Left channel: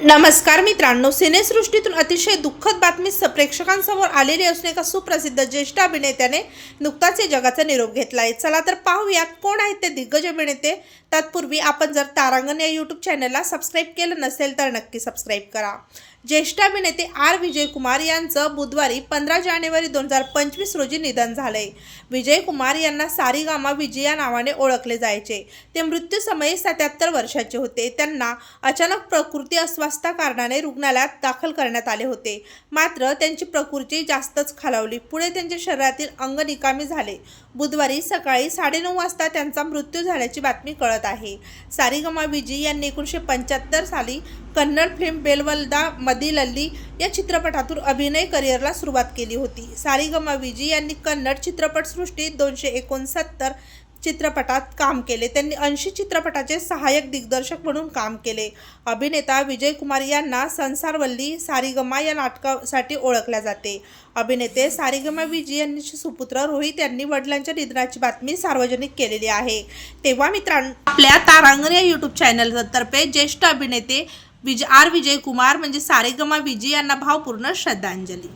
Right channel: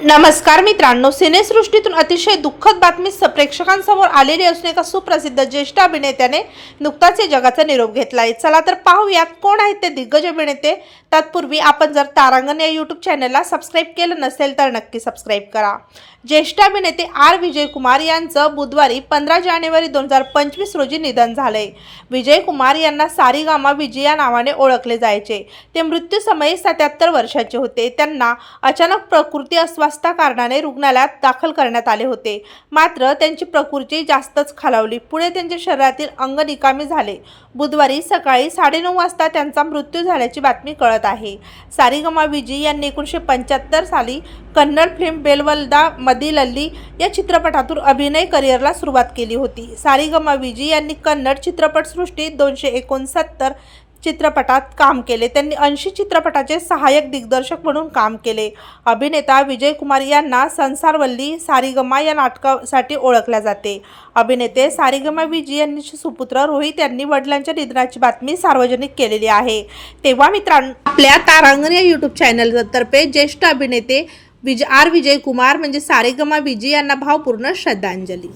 नमस्कार मित्रांनो सिनेसृष्टीतून अतिशय दुःखद बातमी स- प्रेक्षकांसमोर आलेली असून एका सुप्रसिद्ध ज्येष्ठ अभिनेत्याने नुकताच या जगाचा निरोप घेतला आहे चला तर पाहूयात कोण आहेत ते दिग्गज अभिनेते. तत्पूर्वी आपण जर तारांगण या यूट्यूब चॅनलला सबस्क्राईब केलं नसेल तर नक्की सबस्क्राईब करा. ज्येष्ठ अभिनेते आर. विजयकुमार यांचं बुधवारी पंधरा जानेवारी दोन हजार पंचवीस रोजी निधन झालंय. विजयकुमार यांना सारीगामा विजय या नावाने ओळखले जायचे. ते मृत्यूसमयी सत्याहत्तर वर्षाचे होते. त्यांना अचानक प्रकृती अस्वस्थता कारणाने रुग्णालयात दाखल करण्यात आले होते. मात्र त्यांची प्रकृती जास्तच खालावली. पुढे त्यांच्या शरीरातील अंग निकामी झाले. बुधवारी सकाळी साडेनऊ वाजता त्यांचा मृत्यू झाल्याची बातमी कळत आहे. सारीगमा विजय यांनी एकोणीसशे पंच्याहत्तर साली कन्नड फिल्म बेलवलदा दिल अल्ली या चित्रपटातून अभिनय करिअरला सुरुवात केली होती. सारीगमा विजी यांनी कन्नड चित्रपटसृष्टीत दोनशे एकोणसत्तर चित्रपटात काम केले. त्यांनी ऐंशी चित्रपटाचे सहाय्यक दिग्दर्शक म्हणून काम केले. अभिनेता विजय कुमार यांना संसारवल्ली सारीगमा या नाटकासाठी ओळखल्या जाते. अभिनेते सारीगमा विजी यांचे सुपुत्र रोहित यांनी वडिलांच्या निधनाची बातमी सार्वजनिक केलेली आहे. तेव्हा मित्रांनो आपल्या तारांगण या यूट्यूब चॅनलतर्फे ज्येष्ठ अभिनेते विजय आर. विजय कुमार म्हणजे सारेगमा विजय यांना भावपूर्ण श्रद्धांजली.